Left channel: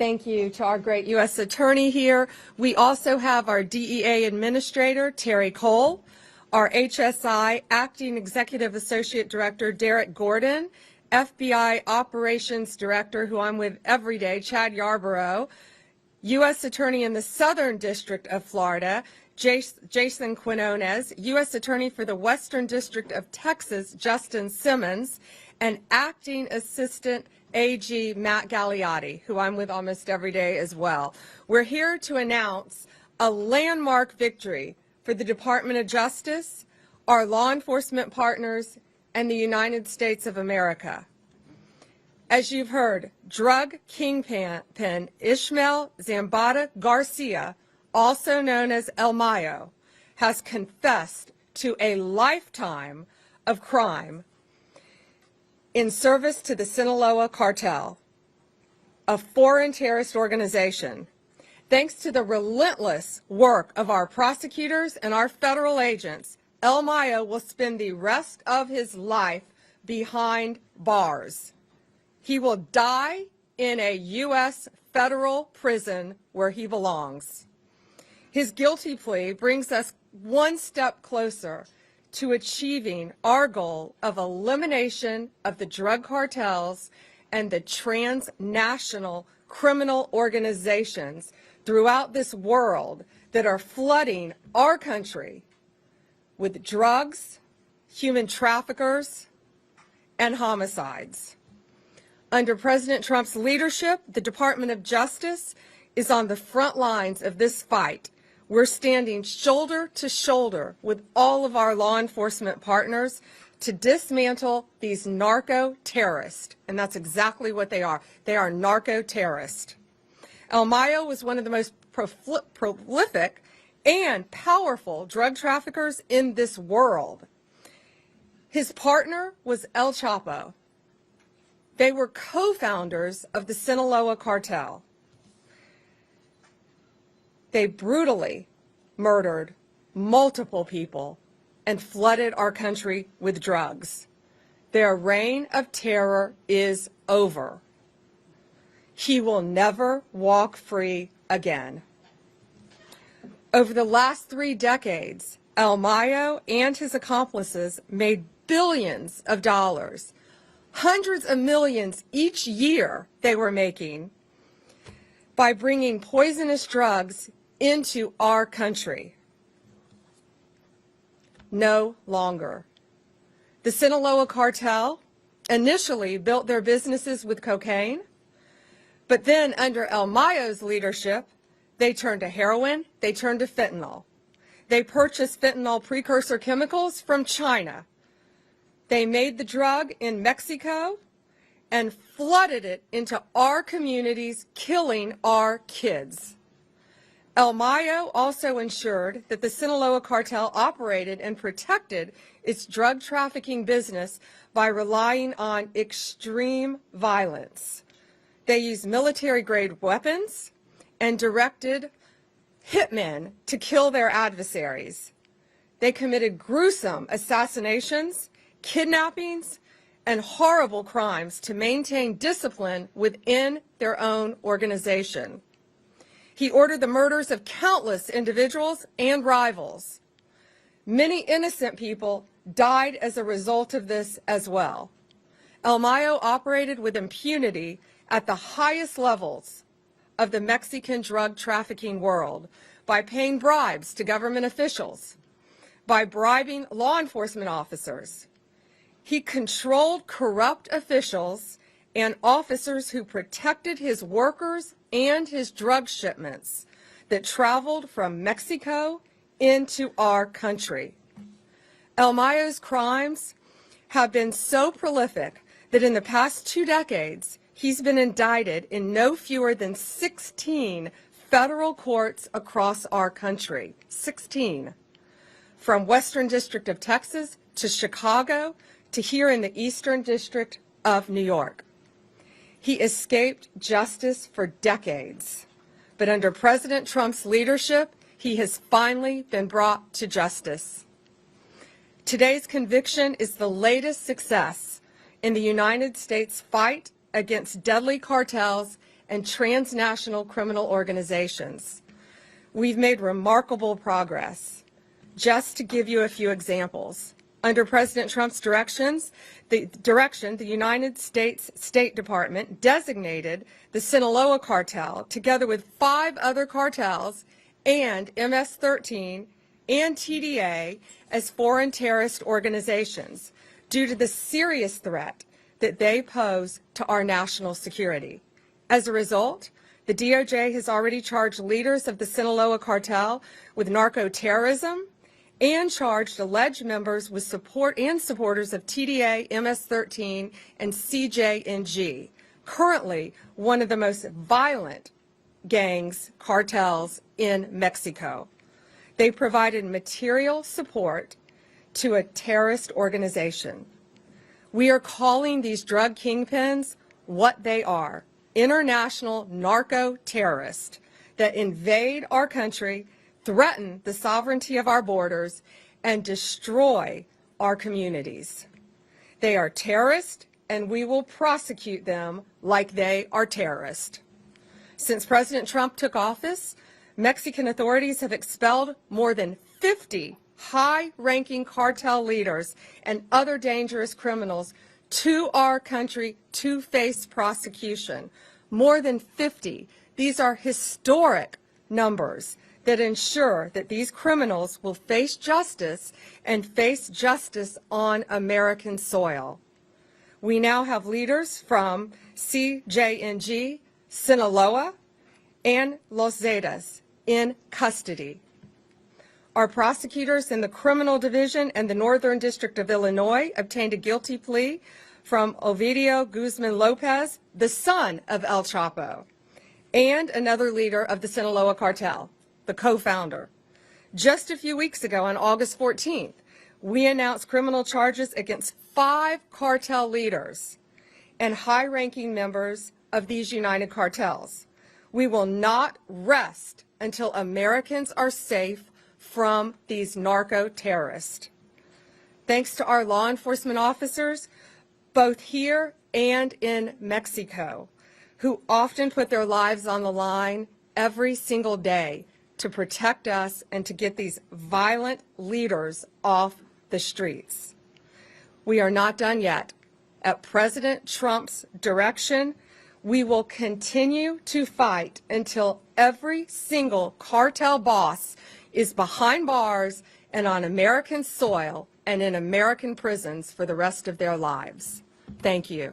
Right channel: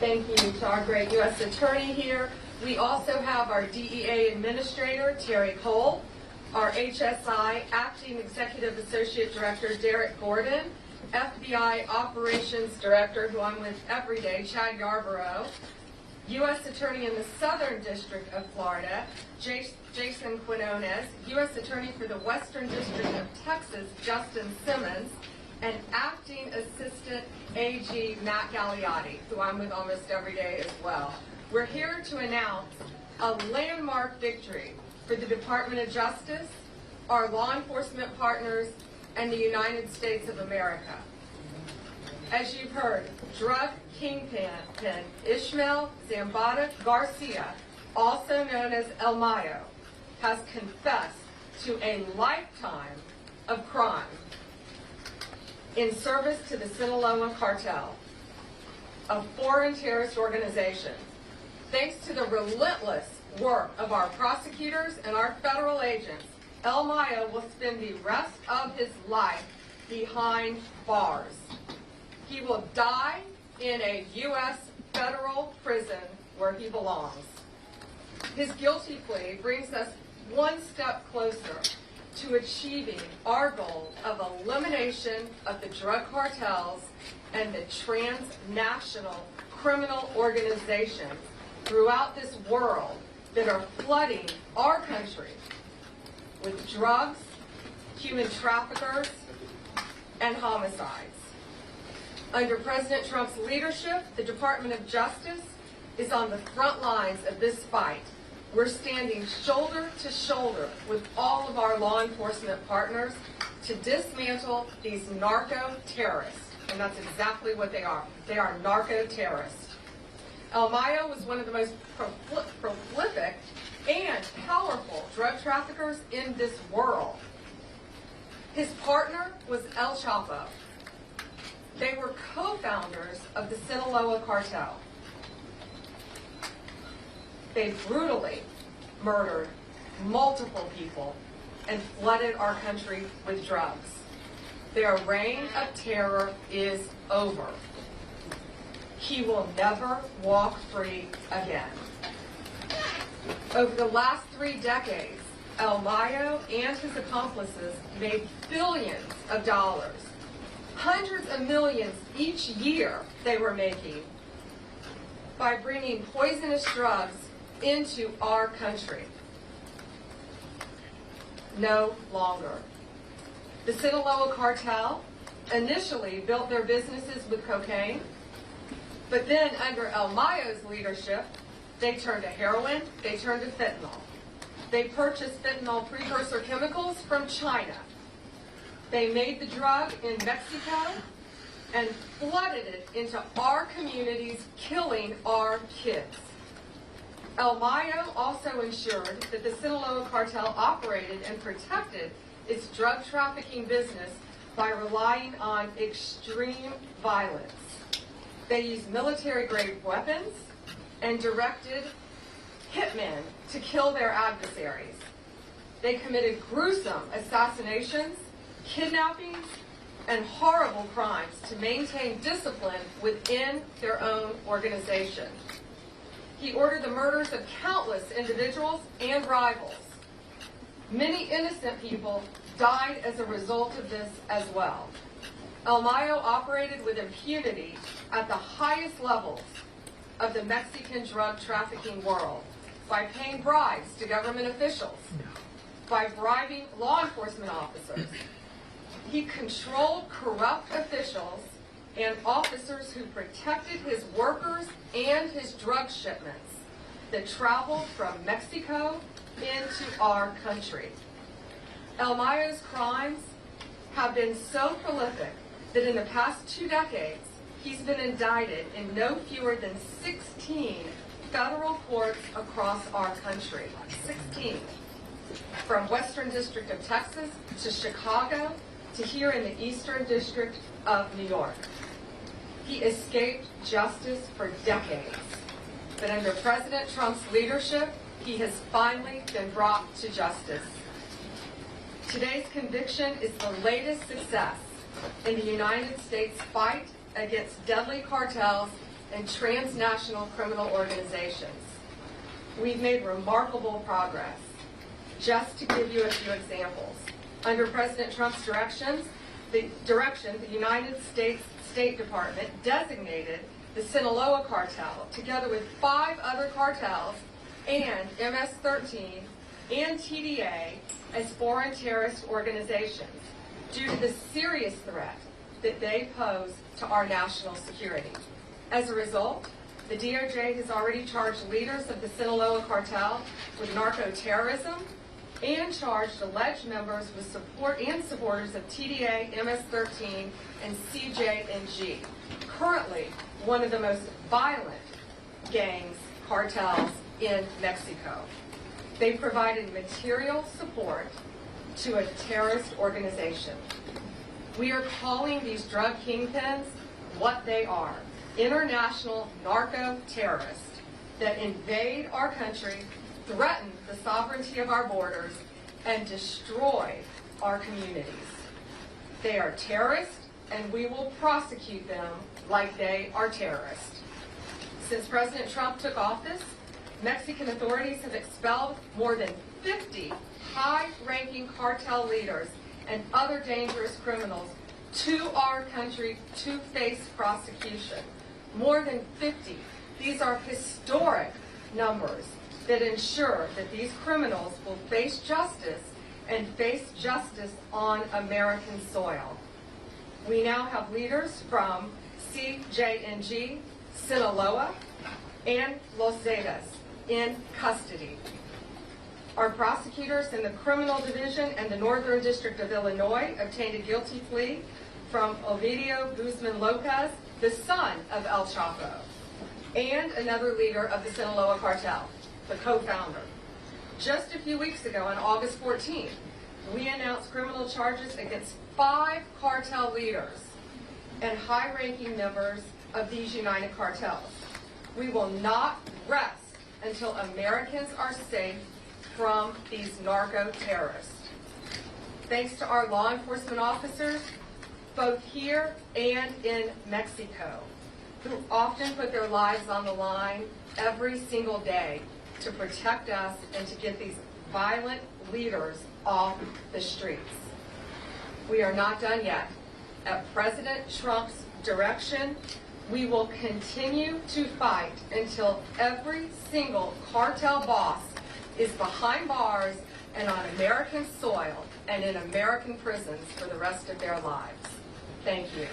Thank you to our great U.S. Attorney here. We also have our DEA Administrator, Terry Cole, our HSI Acting Executive Associate Director, Derek Gordon, FBI Operations Director, who I'm with every day, Chad Yarborough, U.S. Attorney in the Southern District of Florida, Jason Quinones, U.S. Attorney for the Western District of Texas, Justin Simmons, and Acting Assistant AG Matt Galliotti, who I'm with almost every day as well. We're here to announce a landmark victory for the Department of Justice, our law enforcement partners, and the United States of America. As you've heard, drug kingpin Ismael Zambada Garcia, also known as El Mayo, has confessed to a lifetime of crime in service to the Sinaloa Cartel, a foreign terrorist organization. Thanks to the relentless work of our prosecutors and our federal agents, El Mayo will spend the rest of his life behind bars. He will die in a U.S. federal prison where he belongs. His guilty plea brings us one step closer to achieving our goal of elimination of the drug cartels and the transnational criminal organizations throughout this world that are flooding our country with drugs, human traffickers, and homicides. Under President Trump's leadership, the Department of Justice is on the front lines of this fight. We're standing shoulder to shoulder with all of our law enforcement partners to dismantle these narco-terrorists. And that's exactly what they are. They are narco-terrorists. El Mayo was one of the most prolific and powerful drug traffickers in this world. His partner was El Chapo. They were co-founders of the Sinaloa Cartel. They brutally murdered multiple people and flooded our country with drugs. Their reign of terror is over. He will never walk free again. Over the last 3 decades, El Mayo and his accomplices made billions of dollars, hundreds of millions each year they were making by bringing poisonous drugs into our country. No longer. The Sinaloa Cartel initially built their businesses with cocaine, but then under El Mayo's leadership, they turned to heroin, they turned to fentanyl. They purchased fentanyl precursor chemicals from China. They made the drug in Mexico and flooded it into our communities, killing our kids. El Mayo also ensured that the Sinaloa Cartel operated and protected its drug trafficking business by relying on extreme violence. They used military-grade weapons and directed hitmen to kill their adversaries. They committed gruesome assassinations, kidnappings, and horrible crimes to maintain discipline within their own organization. He ordered the murders of countless individuals and rivals. Many innocent people died as a result of this as well. El Mayo operated with impunity at the highest levels of the Mexican drug trafficking world by paying bribes to government officials, by bribing law enforcement officers. He controlled corrupt officials and officers who protected his workers and his drug shipments that traveled from Mexico into our country. El Mayo's crimes have been so prolific that in the past 2 decades, he's been indicted in no fewer than 16 federal courts across our country. 16. From Western District of Texas to Chicago to here in the Eastern District of New York. He escaped justice for decades, but under President Trump's leadership, he has finally been brought to justice. Today's conviction is the latest success in the United States fight against deadly cartels and transnational criminal organizations. We've made remarkable progress. Just to give you a few examples, under President Trump's direction, the United States State Department designated the Sinaloa Cartel, together with 5 other cartels, and MS-13 and TDA as foreign terrorist organizations due to the serious threat that they pose to our national security. As a result, the DOJ has already charged leaders of the Sinaloa Cartel with narco-terrorism and charged alleged members with support and supporters of TDA, MS-13, and CJNG, currently one of the most violent cartels in Mexico. They provided material support to a terrorist organization. We are calling these drug kingpins what they are: international narco-terrorists that invade our country, threaten the sovereignty of our borders, and destroy our communities. They are terrorists, and we will prosecute them like they are terrorists. Since President Trump took office, Mexican authorities have expelled more than 50 high-ranking cartel leaders and other dangerous criminals to our country to face prosecution. More than 50. These are historic numbers that ensure that these criminals will face justice and face justice on American soil. We now have leaders from CJNG, Sinaloa, and Los Zetas in custody. Our prosecutors in the Criminal Division and the Northern District of Illinois obtained a guilty plea from Ovidio Guzman Lopez, the son of El Chapo, and another leader of the Sinaloa Cartel, the co-founder. Just a few weeks ago, on August 14th, we announced criminal charges against 5 cartel leaders and high-ranking members of these united cartels. We will not rest until Americans are safe from these narco-terrorists. Thanks to our law enforcement officers, both here and in Mexico, who often put their lives on the line every single day to protect us and to get these violent leaders off the streets. We are not done yet. At President Trump's direction, we will continue to fight until every single cartel boss is behind bars and on American soil and in American prisons for the rest of their lives. Thank you.